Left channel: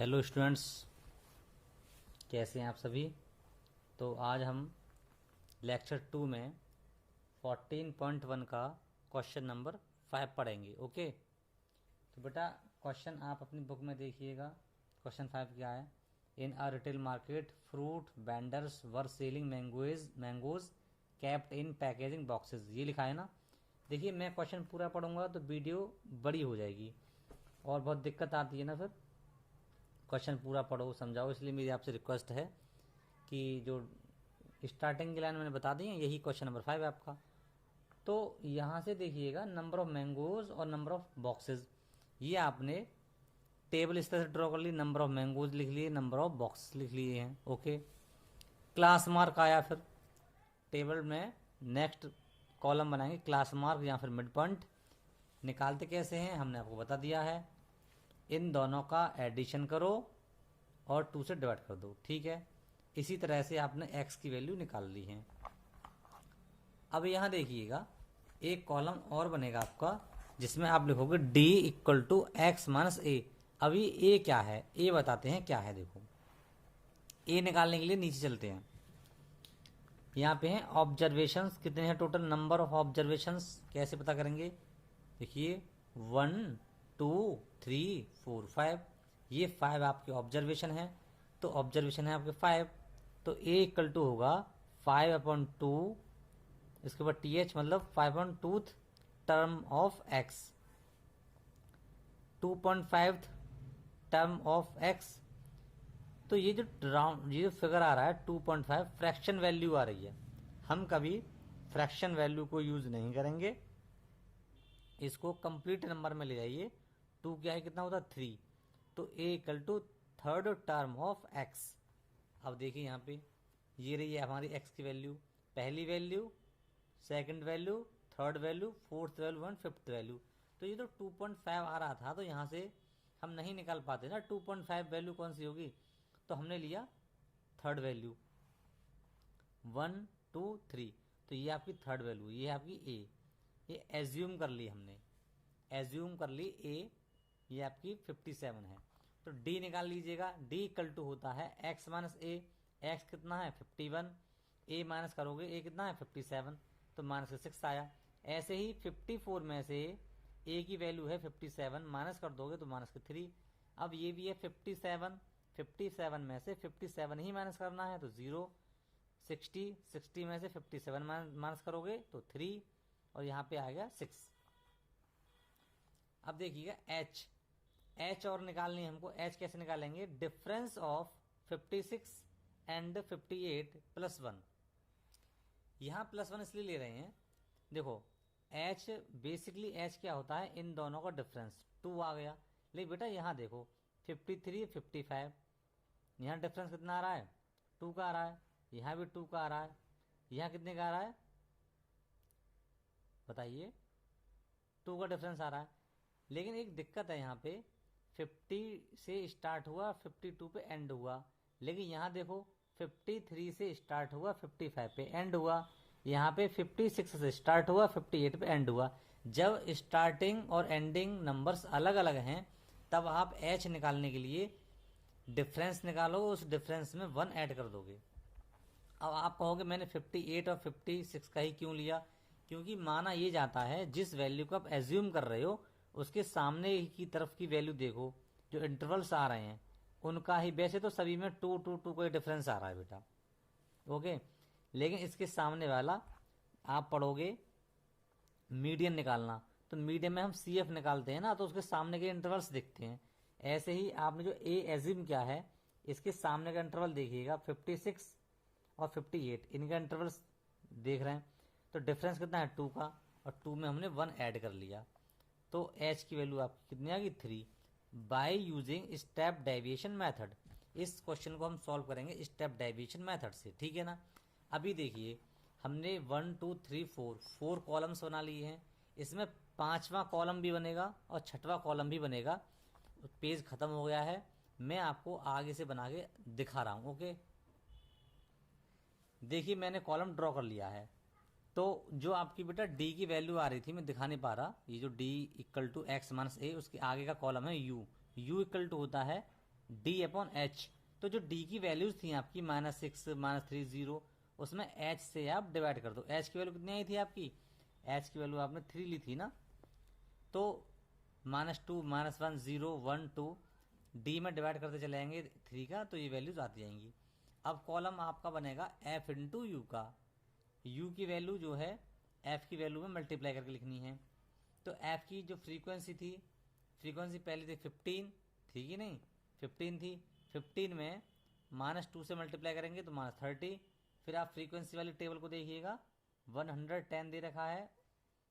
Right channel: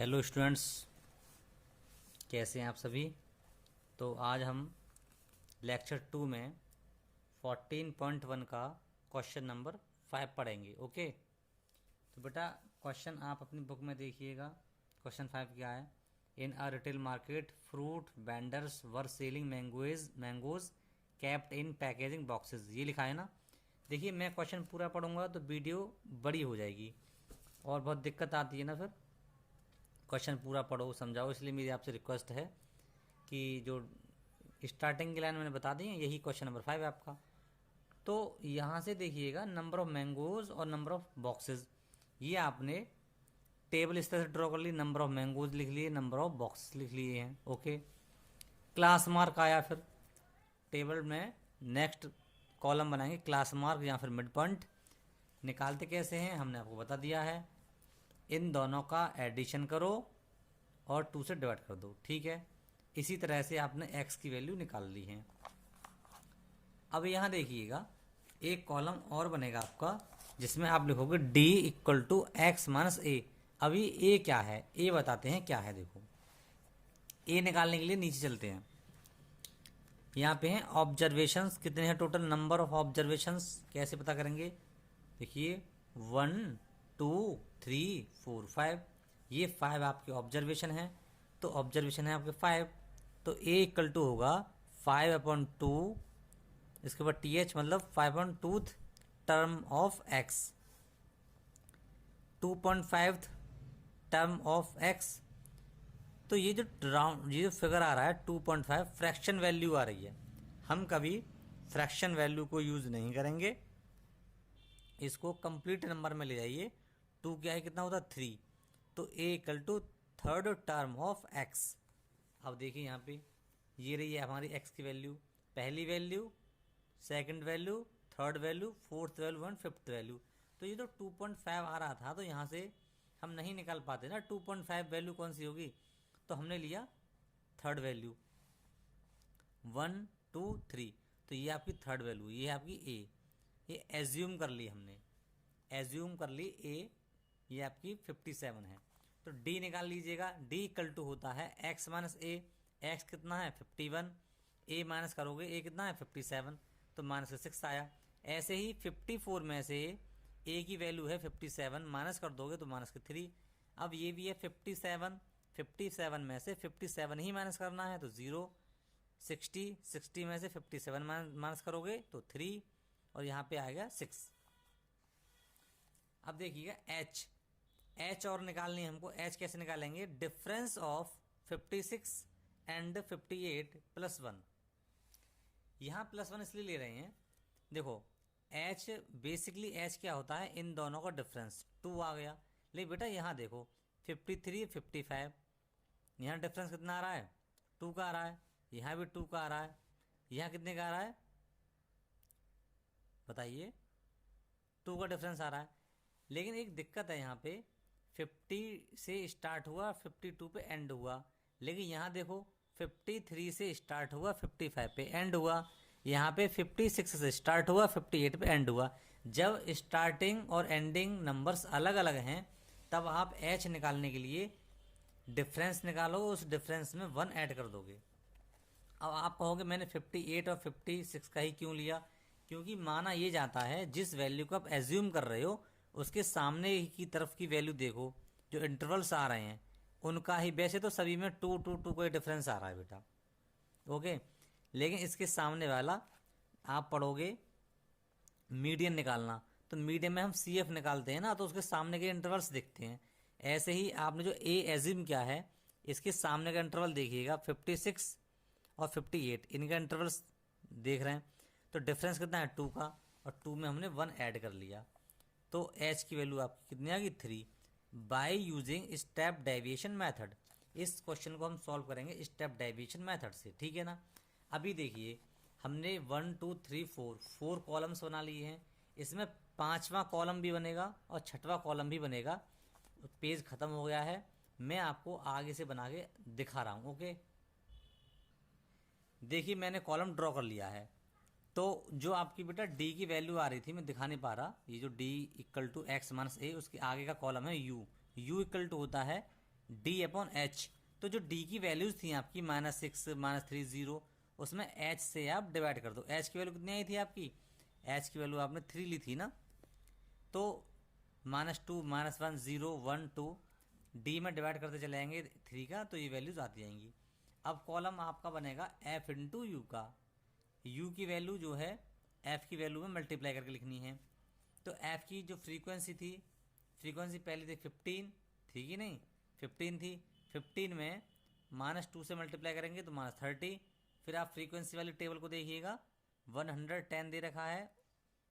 Hello students, कैसे हैं आप सभी। तो आज हम लेक्चर 2 में 14.1 का क्वेश्चन नंबर 5 पढ़ेंगे। ओके, तो बेटा क्वेश्चन आप अपनी बुक में देखिएगा। क्वेश्चन 5 क्या है। In a retail market fruit vendors were selling mangoes kept in packaging boxes. ये लिखा है ना। देखिए, मैं क्वेश्चन पूरा पढ़ूंगा तो वीडियो बड़ी हो जाएगी और बहुत दिक्कत आती है ना। फिर क्वेश्चन पूरा पढ़ो, समझाओ। इसलिए मेरी आपसे रिक्वेस्ट है कि जो स्टार्टिंग की लाइन मैंने बता दी है, यही क्वेश्चन नंबर 5 है आपका। तो यहाँ से देखिएगा, नंबर ऑफ मैंगोज और नंबर ऑफ बॉक्सेस, ये आपने टेबल इस तरह से ड्रॉ कर ली। नंबर ऑफ मैंगोज लिख लिए, नंबर ऑफ बॉक्सेस लिख लिए हैं। ओके, क्लास मार्क आया। फिर टेबल में नेक्स्ट कॉलम बनाएंगे क्लास मार्क या फिर मिड पॉइंट। निकालते कैसे हैं हमने आपको बता दिया है। इन दोनों का एडिशन करो और 2 से डिवाइड कर दो। ठीक है, इसी तरह से आपने x की वैल्यू निकाल ली है। अब यहाँ देखिएगा, एक कॉलम और बनेगा आपका जिसमें आप लिखोगे d equal to X minus A. अभी a क्या है, a बताते हैं क्या है। देखो, a निकालने के लिए नीचे चलते हैं। यहाँ पे हैं ऑब्जर्वेशंस, कितने हैं टोटल, नंबर ऑफ ऑब्जर्वेशंस कैसे पता करेंगे। देखिए 1 2 3 4 5, ये 5 आपके ऑब्जर्वेशन है। तो ऑब्जर्वेशन है आपके 5, तो a इक्वल टू होगा 5/2। इसके बाद th मतलब 5/2 term of x, 2.5 term of x। तो ये जो राउंड, ये जो फिगर आ रहा है 2.5, फ्रैक्शन वैल्यू आ रही है। हम कभी फ्रैक्शन वैल्यू को यूज नहीं करेंगे, इसको कंप्लीट नंबर में ले जाइए। 2 क्या है, कितना होता है 3। तो a equal to third term of x। अब देखिए यहाँ पे ये रही है हमारी x की वैल्यू, पहली value, second value, third value, fourth value and fifth value. तो ये तो 2.5 आ रहा था, तो यहाँ से हम नहीं निकाल पाते ना 2.5 वैल्यू कौन सी होगी। तो हमने लिया थर्ड वैल्यू 1 2 3। तो ये आपकी थर्ड वैल्यू, ये आपकी ए। ये एज्यूम कर ली हमने, एज्यूम कर ली ए, ये आपकी 57 है। तो डी निकाल लीजिएगा। डी इक्वल टू होता है एक्स माइनस ए। एक्स कितना है 51, ए माइनस करोगे ए कितना है 57, तो माइनस 6 आया। ऐसे ही 54 में से ए की वैल्यू है 57, माइनस कर दोगे तो माइनस के 3। अब ये भी है 57, 57 में से 57 ही माइनस करना है तो 0। 60, 60 में से 57 माइनस करोगे तो 3, और यहाँ पे आएगा 6। अब देखिएगा एच, एच और निकालनी है हमको। एच कैसे निकालेंगे, डिफरेंस ऑफ 56 एंड 58 प्लस 1। यहाँ प्लस 1 इसलिए ले रहे हैं, देखो एच बेसिकली एच क्या होता है, इन दोनों का डिफरेंस 2 आ गया। लेकिन बेटा यहाँ देखो 53 55, यहाँ डिफरेंस कितना आ रहा है 2 का आ रहा है, यहाँ भी 2 का आ रहा है, यहाँ कितने का आ रहा है बताइए, 2 का डिफरेंस आ रहा है। लेकिन एक दिक्कत है यहाँ पे, 50 से स्टार्ट हुआ 52 पे एंड हुआ, लेकिन यहाँ देखो 53 से स्टार्ट हुआ 55 पे एंड हुआ, यहाँ पे 56 से स्टार्ट हुआ 58 पे एंड हुआ। जब स्टार्टिंग और एंडिंग नंबर्स अलग अलग हैं, तब आप एच निकालने के लिए डिफरेंस निकालो, उस डिफरेंस में 1 ऐड कर दोगे। अब आप कहोगे मैंने 58 और 56 का ही क्यों लिया, क्योंकि माना ये जाता है जिस वैल्यू को आप एज्यूम कर रहे हो उसके सामने की तरफ की वैल्यू देखो, जो इंटरवल्स आ रहे हैं उनका ही। वैसे तो सभी में 2 2 2 का डिफरेंस आ रहा है बेटा, ओके, लेकिन इसके सामने वाला आप पढ़ोगे मीडियन निकालना, तो मीडियन में हम सी एफ निकालते हैं ना, तो उसके सामने के इंटरवल्स दिखते हैं। ऐसे ही आपने जो ए एज्यूम किया है, इसके सामने का इंटरवल देखिएगा 56 और 58, इनका इंटरवल्स देख रहे हैं, तो डिफरेंस कितना है 2 का, और 2 में हमने 1 ऐड कर लिया। तो एच की वैल्यू आपकी कितनी आ गई 3, by using step deviation method. इस क्वेश्चन को हम सॉल्व करेंगे स्टेप डेविएशन मेथड से, ठीक है ना। अभी देखिए हमने 1 2 3 4 कॉलम्स बना लिए हैं, इसमें 5वां कॉलम भी बनेगा और 6वां कॉलम भी बनेगा। पेज खत्म हो गया है, मैं आपको आगे से बना के दिखा रहा हूँ। ओके, देखिए मैंने कॉलम ड्रॉ कर लिया है। तो जो आपकी बेटा डी की वैल्यू आ रही थी, मैं दिखा नहीं पा रहा, ये जो D equal to X minus A, उसके आगे का कॉलम है यू। यू इक्वल टू होता है डी अपॉन एच। तो जो डी की वैल्यूज थी आपकी -6 -3 0, उसमें एच से आप डिवाइड कर दो। एच की वैल्यू कितनी आई थी आपकी, एच की वैल्यू आपने 3 ली थी ना, तो -2 -1 0 1 2 डी में डिवाइड करते चले जाएंगे 3 का, तो ये वैल्यूज आती जाएंगी। अब कॉलम आपका बनेगा एफ इंटू यू का। यू की वैल्यू जो है एफ की वैल्यू में मल्टीप्लाई करके लिखनी है। तो एफ की जो फ्रीक्वेंसी थी, फ्रीक्वेंसी पहले थी 15, थी कि नहीं, 15 थी। 15 में -2 से मल्टीप्लाई करेंगे तो -30। फिर आप फ्रीक्वेंसी वाली टेबल को देखिएगा, 110 दे रखा है,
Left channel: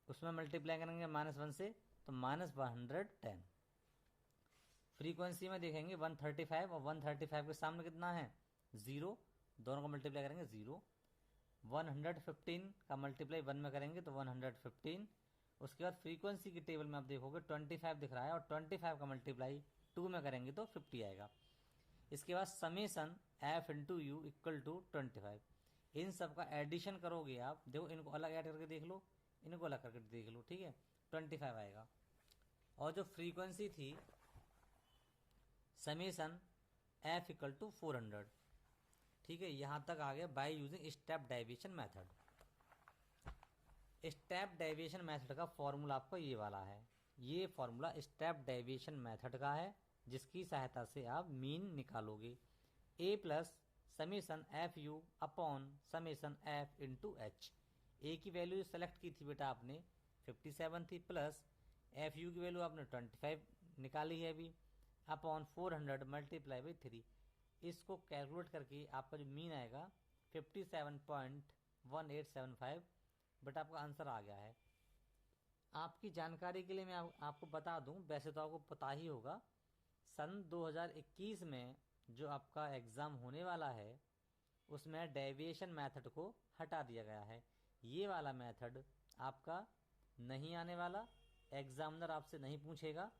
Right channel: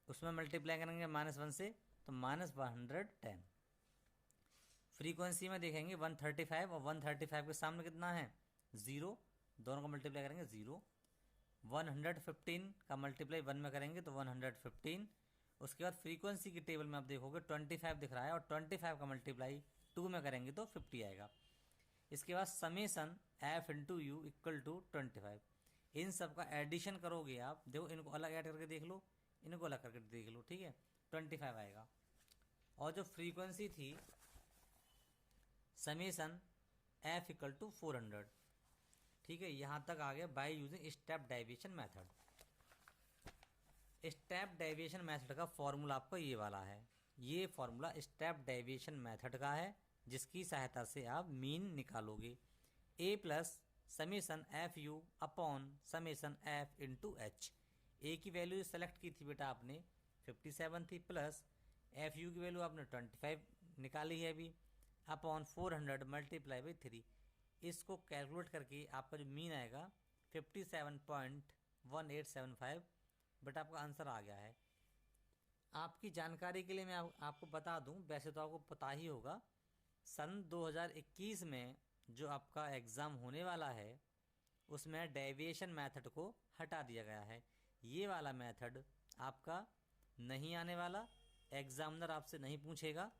उसमें मल्टीप्लाई करेंगे -1 से तो -110। फ्रीक्वेंसी में देखेंगे 135, और 135 के सामने कितना है 0, दोनों का मल्टीप्लाई करेंगे 0। 115 का मल्टीप्लाई 1 में करेंगे तो 115। उसके बाद फ्रीक्वेंसी की टेबल में आप देखोगे 25 दिख रहा है, और 25 का मल्टीप्लाई 2 में करेंगे तो 50 आएगा। इसके बाद summation F into U equal to 25। इन सब का एडिशन करोगे आप, देखो इनको अलग ऐड करके देख लो, इनको अलग करके देख लो, ठीक है, 25 आएगा। और जो फ्रीक्वेंसी थी समेसन एफ इक्वल टू 400, ठीक है, यहां तक आ गया by using step deviation method. Step deviation method का फॉर्मूला आपका ये वाला है, ये फॉर्मूला स्टेप डेविएशन मेथड का है, जिसकी सहायता से आप मीन निकालोगे। A plus summation F U upon summation F into H. A की वैल्यू सेलेक्ट की थी बेटा आपने 57 थी, प्लस एफ यू की वैल्यू आपने 25 निकाली है अभी, अपॉन 400 मल्टीप्लाई बाई 3। इसको कैलकुलेट करके आपका जो मीन आएगा 57.1875, बट आपका आंसर आ गया है। आपकी जानकारी के लिए मैं आपको बता दूं, वैसे तो आपको पता ही होगा, सन 2021 में जो आपका एग्ज़ाम होने वाला है उसमें डेविएशन मेथड को हटा दिया गया है। ये वाला मेथड आपका नहीं आने वाला, एग्जामिनर आपसे नहीं पूछेगा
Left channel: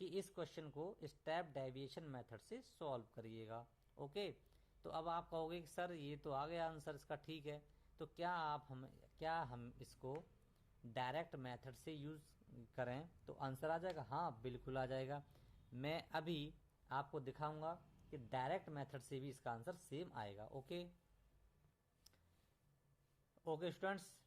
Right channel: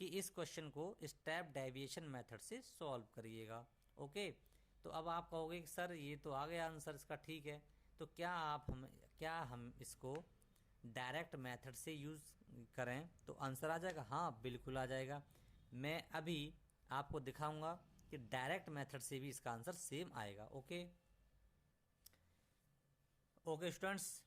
कि इस क्वेश्चन को स्टेप डेविएशन मेथड से सॉल्व करिएगा। ओके, तो अब आप कहोगे कि सर ये तो आ गया आंसर इसका, ठीक है, तो क्या हम इसको डायरेक्ट मेथड से यूज़ करें तो आंसर आ जाएगा? हाँ बिल्कुल आ जाएगा। मैं अभी आपको दिखाऊंगा कि डायरेक्ट मेथड से भी इसका आंसर सेम आएगा। ओके ओके स्टूडेंट्स,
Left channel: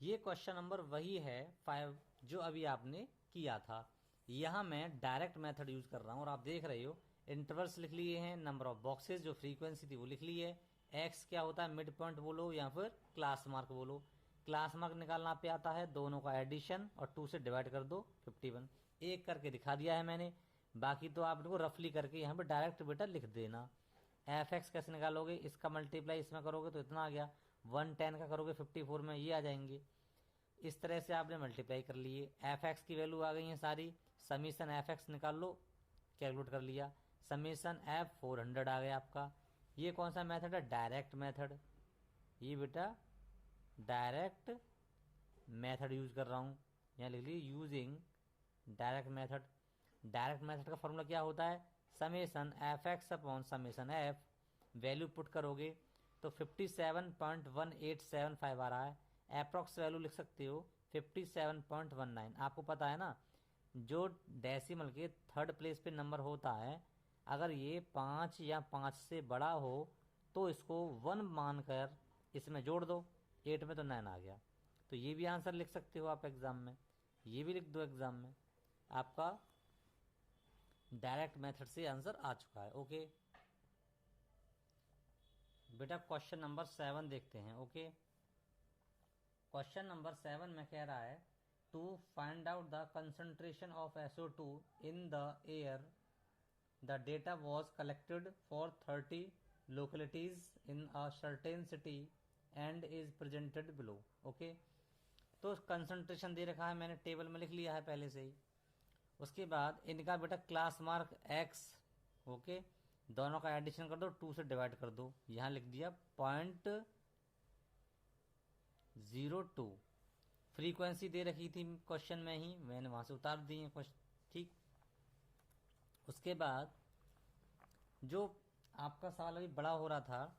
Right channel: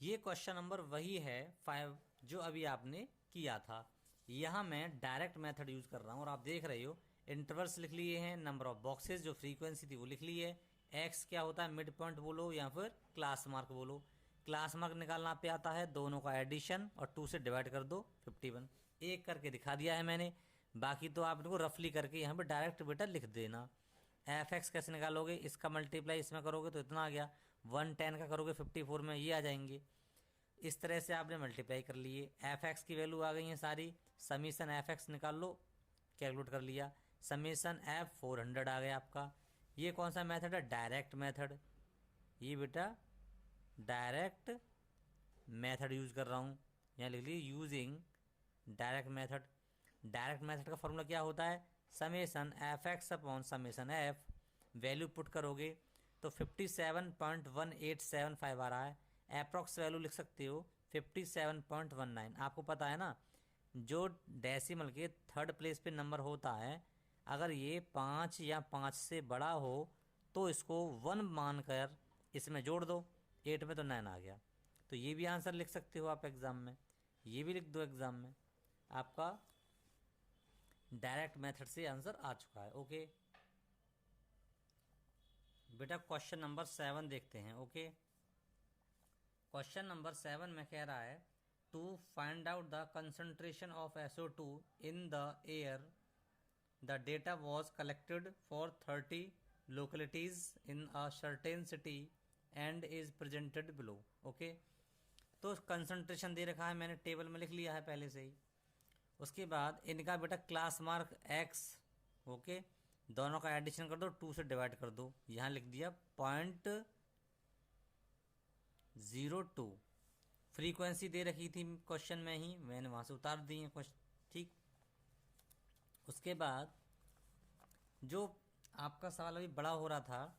ये क्वेश्चन नंबर वही है 5 जो अभी आपने किया था। यहाँ मैं डायरेक्ट मेथड यूज कर रहा हूँ, और आप देख रहे हो इंटरवल्स लिख लिए हैं, नंबर ऑफ बॉक्सेस जो फ्रीक्वेंसी थी वो लिख ली है, एक्स क्या होता है मिड पॉइंट बोलो या फिर क्लास मार्क बोलो। क्लास मार्क निकालना पे आता है, दोनों का एडिशन और 2 से डिवाइड कर दो 51। एक करके दिखा दिया है मैंने, बाकी तो आप इनको रफली करके यहाँ पे डायरेक्ट बेटा लिख देना। एफ एक्स कैसे निकालोगे, इसका मल्टीप्लाई इसमें करोगे तो इतना आ गया, 110 का करोगे 54 में ये आ जाएंगे। इस तरह से आपने मल्टीप्लाई कर लिए, एफ एक्स की वैल्यू आ गई है सारी, समीशन एफ एक्स निकाल लो, कैलकुलेट कर लिया, समीशन एफ 400 आ गया आपका। ये कौन सा मेथड है? Direct method. ये बेटा डायरेक्ट मेथड यूज कर रहा हूँ, यहाँ लिख लीजिए using direct method. Direct method का फॉर्मूला क्या होता है? Summation F x upon summation F, value put करोगे तो 57.1875 आ रहा है, अप्रॉक्स वैल्यू लिख सकते हो 57.19। आपको पता है ना, जो डेसिमल के थर्ड प्लेस पे नंबर होता है, अगर ये 5 या 5 से बड़ा हो तो इसको 1 मानकर इसमें जोड़ दो, 8 में तो 9 आ गया। तो ये भी आंसर लिख सकते हो आप एग्ज़ाम में, ये भी लिख दो एग्ज़ाम में, आपका डायरेक्ट मेथड से आंसर आ चुका है। ओके बेटा क्वेश्चन नंबर 7 देखते हैं। ओके, क्वेश्चन नंबर 7 में कह रहा है to find out the concentration of SO2 in the air, the data was collected for 30 localities in a certain city and is presented below. Okay, तो concentration दे रखा है, मैंने टेबल में लिख लिया है पहले से ही। उसके बाद इनका बेटा क्लास मार्क एक्स, ओके, दोनों का एडिशन कर दो, 2 से डिवाइड कर दो, यहाँ लिख दिया 0.02। फ्रीक्वेंसी दे रखी थी क्वेश्चन में ही, मैंने वहाँ से उतार दी है क्वेश्चन, ठीक। उसके बाद जो आपका सवाल अभी बड़ा हो रहा था,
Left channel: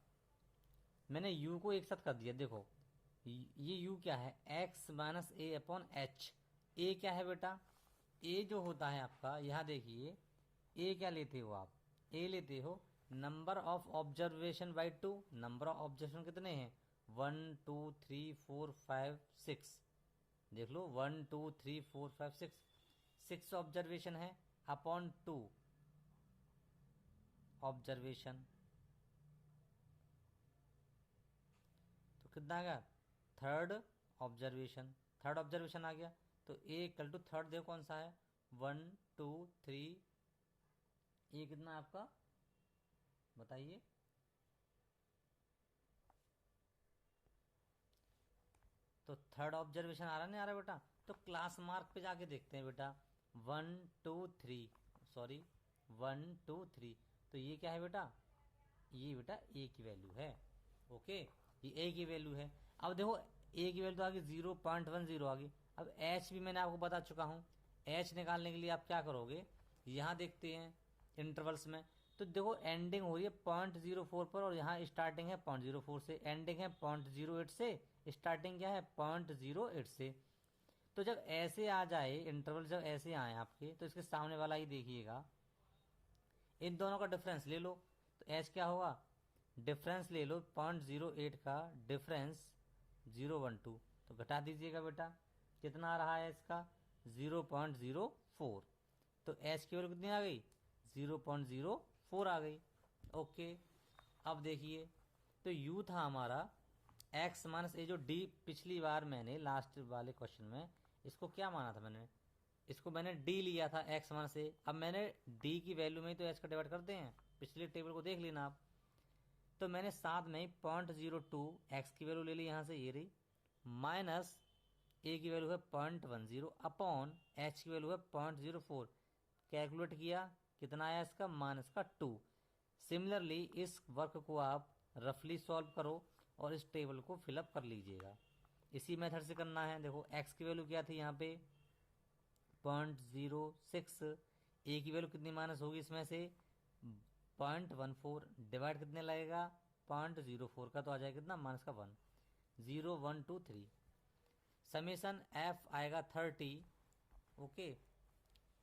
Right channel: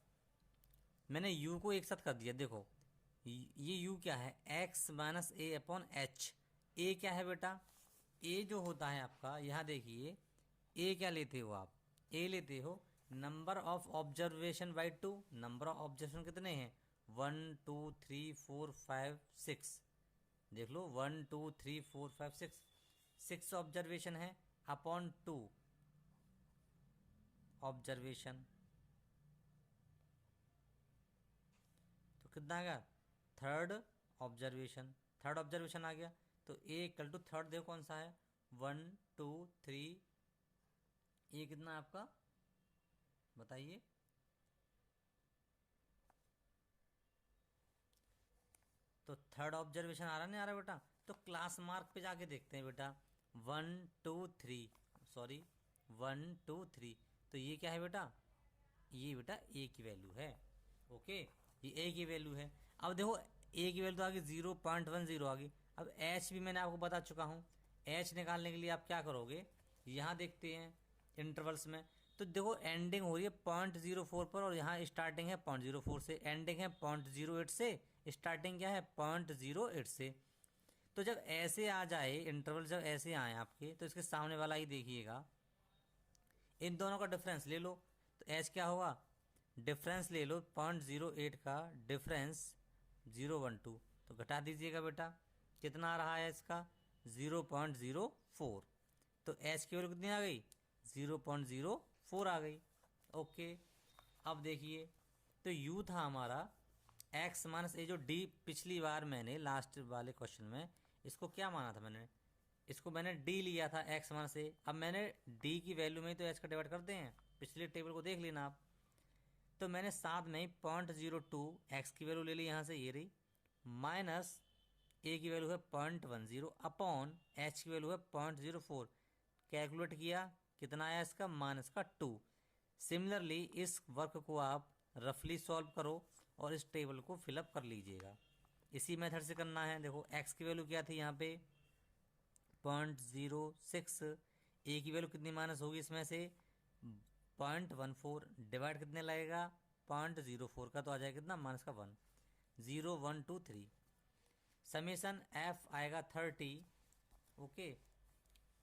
मैंने u को एक साथ कर दिया। देखो ये u क्या है, x minus A upon H. a क्या है बेटा, a जो होता है आपका, यहाँ देखिए a क्या लेते हो आप, ए लेते हो, number of observation by 2, number of observation कितने हैं 1 2 3 4 5 6, देख लो 1 2 3 4 5 6, 6 ऑब्जर्वेशन है अपॉन 2 ऑब्जर्वेशन, तो कितना आ गया थर्ड ऑब्जर्वेशन, थर्ड ऑब्जर्वेशन आ गया। तो ए इक्वल टू थर्ड देखो कौन सा है 1 2 3, ये कितना आपका बताइए, तो थर्ड ऑब्जर्वेशन आ रहा नहीं आ रहा बेटा, तो क्लास मार्क पे जाके देखते हैं बेटा 1 2 3, सॉरी 1 2 3, तो ये क्या है बेटा, ये बेटा ए की वैल्यू है। ओके, ये ए की वैल्यू है। अब देखो ए की वैल्यू तो आ गई 0.10 आ गई। अब एच भी मैंने आपको बता चुका हूँ, एच निकालने के लिए आप क्या करोगे, यहाँ देखते हैं इंटरवल्स में, तो देखो एंडिंग हो रही है 0.04 पर और यहाँ स्टार्टिंग है 0.04 से, एंडिंग है 0.08 से, स्टार्टिंग क्या है 0.08 से। तो जब ऐसे आ जाए इंटरवल, जब ऐसे आए आपके, तो इसके सामने वाला ही देखिएगा, इन दोनों का डिफरेंस ले लो, तो एच क्या होगा, डिफरेंस ले लो 0.08 का डिफरेंस 012, तो घटा दीजिएगा बेटा, कितना आ रहा है इसका 0.04, तो एच की वैल्यू कितनी आ गई 0.04 आ गई। ओके, अब देखिए, तो यू था हमारा एक्स माइनस ए, जो डी पिछली बार मैंने लास्ट वाले क्वेश्चन में इसको क्या माना था, मैंने इसको मैंने डी लिया था एक्स माइनस ए, अब मैंने डी की वैल्यू में तो एच का डिवाइड करते हैं, पिछले टेबल को देख लेना आप, तो मैंने साथ में 0.02 एक्स की वैल्यू ले ली यहाँ से, ये रही, माइनस ए की वैल्यू है 0.10 अपॉन एच की वैल्यू है 0.04, कैलकुलेट किया कितना आया इसका माइनस का 2। सिमिलरली इस वर्क को आप रफली सॉल्व करो और इस टेबल को फिलअप कर लीजिएगा, इसी मेथड से करना है। देखो एक्स की वैल्यू क्या थी यहाँ पे 0.06, ए की वैल्यू कितनी माइनस होगी इसमें से 0.14, डिवाइड कितने लगेगा 0.04 का, तो आ जाएगा कितना माइनस का 1, 0.123, समेसन एफ आएगा 30। ओके,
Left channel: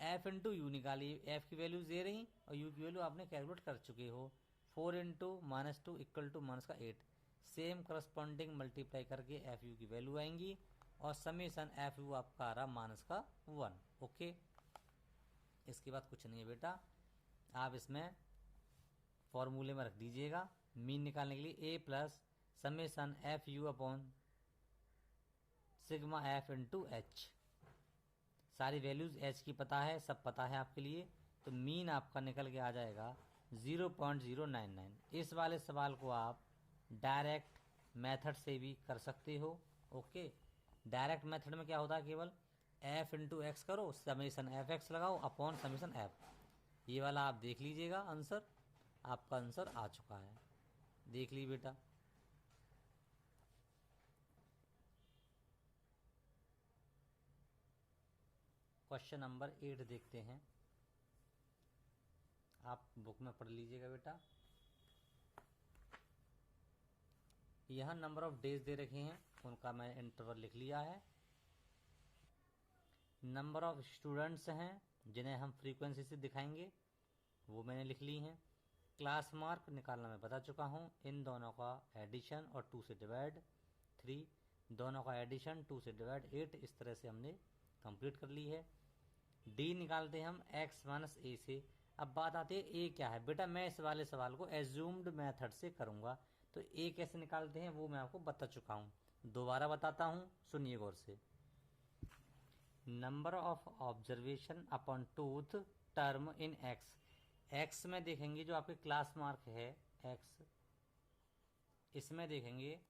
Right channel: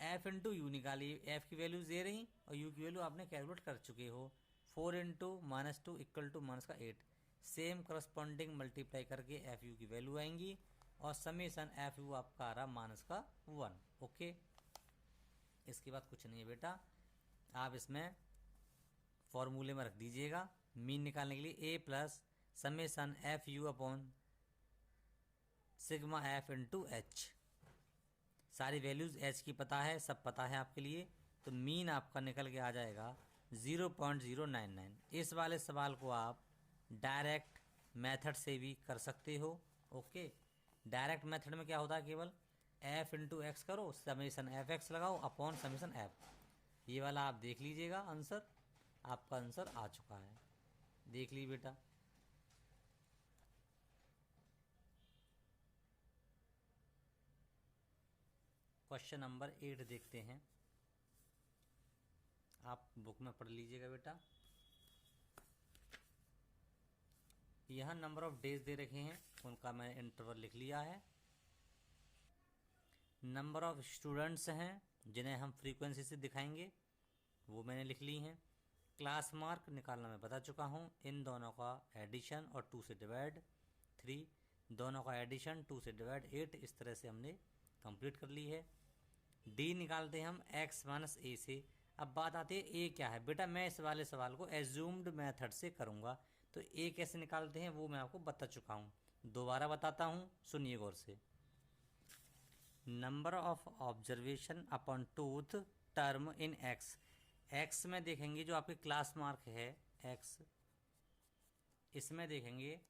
एफ इंटू यू निकालिए, एफ की वैल्यूज दे रही और यू की वैल्यू आपने कैलकुलेट कर चुके हो, 4 इंटू -2 इक्वल टू माइनस का 8, सेम करस्पॉन्डिंग मल्टीप्लाई करके एफ यू की वैल्यू आएंगी और समेसन एफ यू आपका आ रहा माइनस का 1। ओके, इसके बाद कुछ नहीं है बेटा, आप इसमें फॉर्मूले में रख दीजिएगा मीन निकालने के लिए A plus summation F U upon sigma F into H, सारी वैल्यूज एच की पता है, सब पता है आपके लिए, तो मीन आपका निकल के आ जाएगा 0.099। इस वाले सवाल को आप डायरेक्ट मेथड से भी कर सकते हो। ओके, डायरेक्ट मेथड में क्या होता है, केवल एफ इंटू एक्स करो, समेसन एफ एक्स लगाओ अपॉन समेसन एफ, ये वाला आप देख लीजिएगा आंसर, आपका आंसर आ चुका है, देख लीजिए बेटा। क्वेश्चन नंबर 8 देखते हैं, आप बुक में पढ़ लीजिएगा बेटा। यहाँ नंबर ऑफ डेज दे रखे हैं, उनका मैंने इंटरवल लिख लिया है, नंबर ऑफ स्टूडेंट्स हैं जिन्हें हम फ्रीक्वेंसी से दिखाएंगे वो मैंने लिख ली हैं, क्लास मार्क निकालना मैं बता चुका हूँ, इन दोनों का एडिशन और 2 से डिवाइड 3, दोनों का एडिशन 2 से डिवाइड 8, इस तरह से हमने कंप्लीट कर ली है। डी निकालते हैं हम एक्स माइनस ए से। अब बात आती है ए क्या है बेटा, मैं इस वाले सवाल को एज्यूम्ड मेथड से करूँगा, तो ए कैसे निकालते हैं वो मैं आपको बता चुका हूँ, दोबारा बताता हूँ, सुनिए गौर से। Number of observation upon tooth term in x, x में देखेंगे जो आपके क्लास मार्क है एक्स, इसमें देखेंगे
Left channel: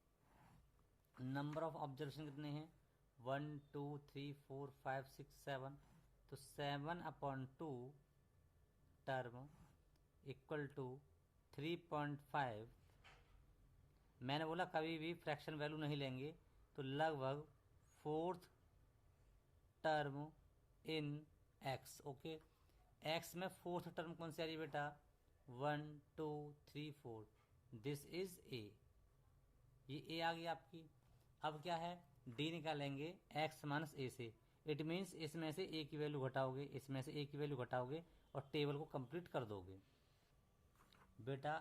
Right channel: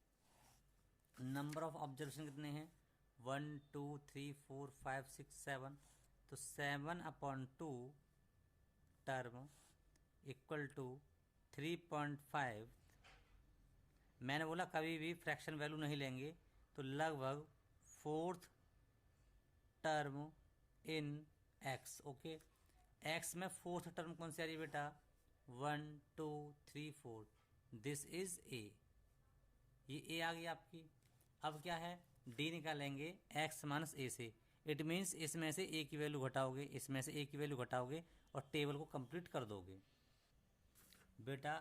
नंबर ऑफ ऑब्जर्वेशन कितने हैं 1 2 3 4 5 6 7, तो 7/2 टर्म इक्वल टू 3.5, मैंने बोला कभी भी फ्रैक्शन वैल्यू नहीं लेंगे, तो लगभग 4th term in x. Okay, x में 4th टर्म कौन सी आ रही है बेटा 1 2 3 4, दिस इज ए, ये ए आ गई आपकी। अब क्या है डी निकालेंगे एक्स माइनस ए से, इट मीन्स इसमें से ए की वैल्यू घटाओगे, इसमें से ए की वैल्यू घटाओगे और टेबल को कंप्लीट कर दोगे। बेटा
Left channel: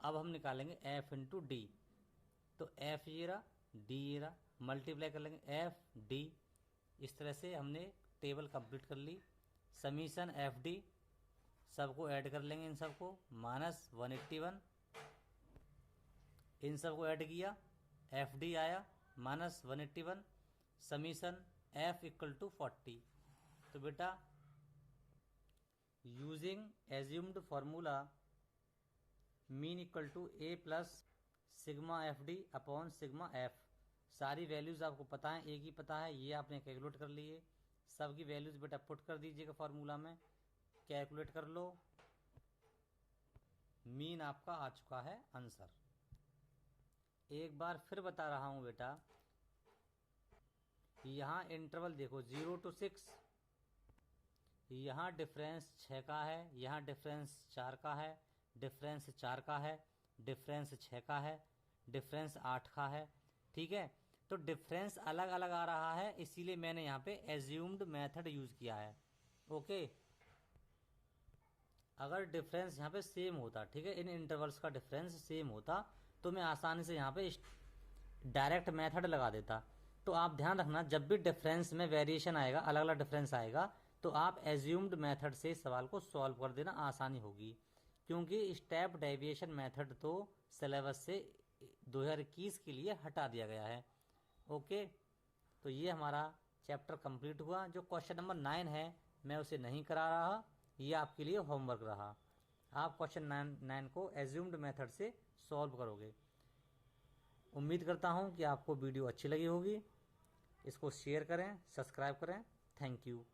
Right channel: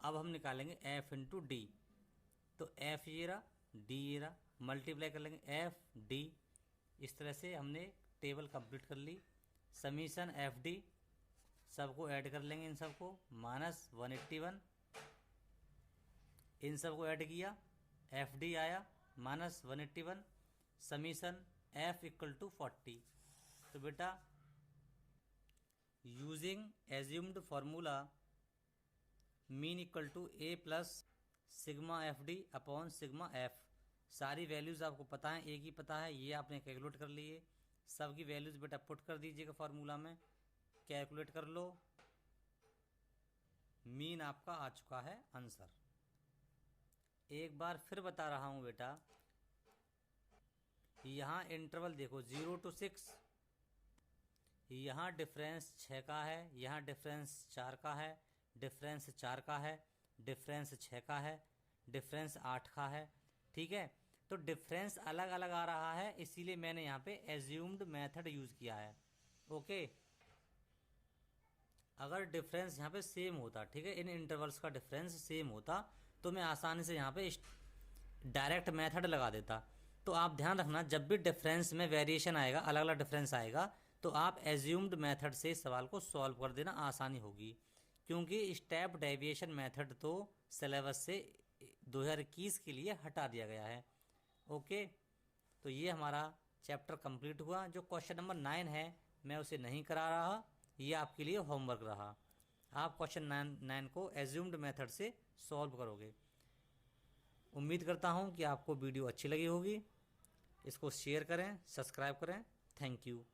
अब हम निकालेंगे एफ इंटू डी। तो एफ ये रहा, डी ये रहा, मल्टीप्लाई कर लेंगे एफ डी। इस तरह से हमने टेबल कंप्लीट कर ली। समीशन एफ डी सबको ऐड कर लेंगे, इन सबको माइनस 181, इन सबको ऐड किया, एफ डी आया minus 181, summation F equal to 40। तो बेटा using assumed formula mean equal to A plus sigma F D upon sigma F. सारी वैल्यूज आपको पता है, एक ही पता है, ये आपने कैलकुलेट कर लिए। सबकी वैल्यूज बेटा पुट कर दीजिएगा फार्मूला में, कैलकुलेट कर लो। मीन आपका आ चुका है आंसर। एक बार फिर बता रहा हूं बेटा, यहाँ इंटरवल देखो 0 to 6, यहाँ डिफरेंस 6 का है, यहाँ डिफरेंस 4 का है, डिफरेंस 4 का है, डिफरेंस 6 का है, डिफरेंस 8 का है। ठीक है, तो डिफरेंस अलग अलग आ रहा है, इसीलिए मैंने यहाँ पे एज्यूम्ड मेथड यूज किया है। ओके, अगर डिफरेंस यहाँ पे सेम होता, ठीक है, इन इंटरवल्स का डिफरेंस सेम होता तो मैं आसानी से यहाँ पे डायरेक्ट मेथड लगा देता। तो आप ध्यान रखना, जब भी डिफरेंस में वेरिएशन आएगा, अलग अलग डिफरेंस आएगा, तो आप एज्यूम्ड मेथड से सवाल को सॉल्व कर देना, आसानी होगी। क्योंकि स्टेप डेविएशन मेथड तो सिलेबस से 2021 के लिए हटा दिया गया है। ओके, तो ये हमारा चैप्टर कंप्लीट हुआ। जो क्वेश्चन नंबर 9 है मैं उसे नहीं करा रहा, ये आपके लिए होमवर्क रहा। आप क्वेश्चन 9 को एज्यूम्ड मेथड से सॉल्व करोगे। उम्मीद करता हूँ कि आपको वीडियो अच्छी लगी होगी। इसको शेयर करें, सब्सक्राइब करें। Thank you.